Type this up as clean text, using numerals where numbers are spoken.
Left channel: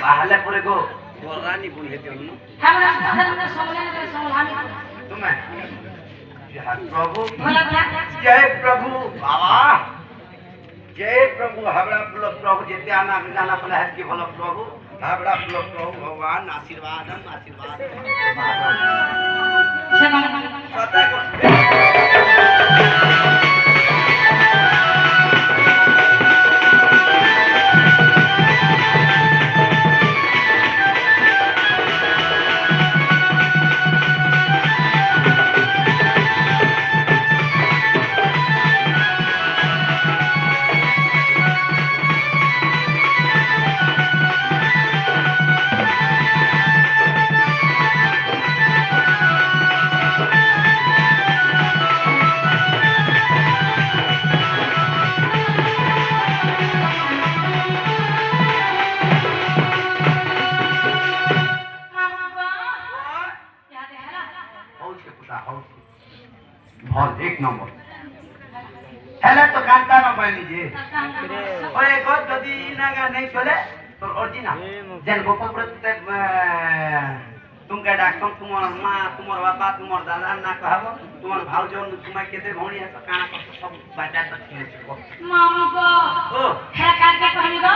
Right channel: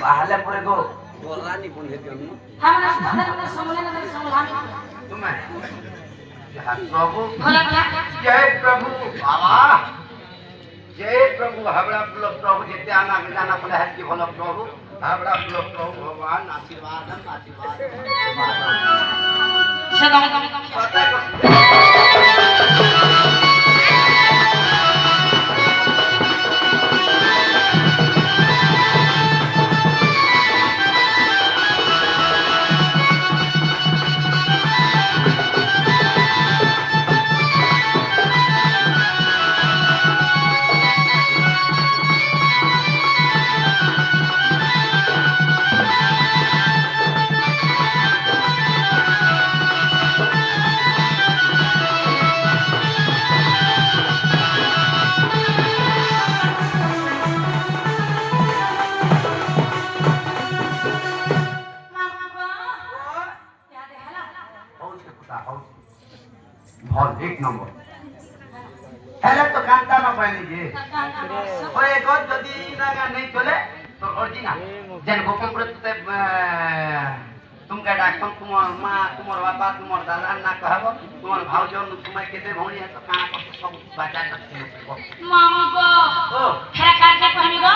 बाहले परे गो बोरानी बुने दिनु हमरा समझने में संभाली तुम्हें जय प्रभु जय प्रभु बाबा जय प्रभु हावड़ा प्रभु जेते आना जाना पले है कि भलो प्रभु हावड़ा प्रभु भगवान आशीर्वाद आशीर्वाद ভাল এক নম্বর হেলে তো কান্তা না পায় নিজে ওই গদ যদি নাগা নেই চলে তো অরিজিনাল যেন গোপালপুরতে तुमके डाकम तुम्हार माँ तुम्हार बाबा तुम्हार दादा ना कहबो तुम्हार भाउजो तुम्हारे केते भौणी है काना सब बचा सकते मामा को ओ फेरा काट के कहनी गो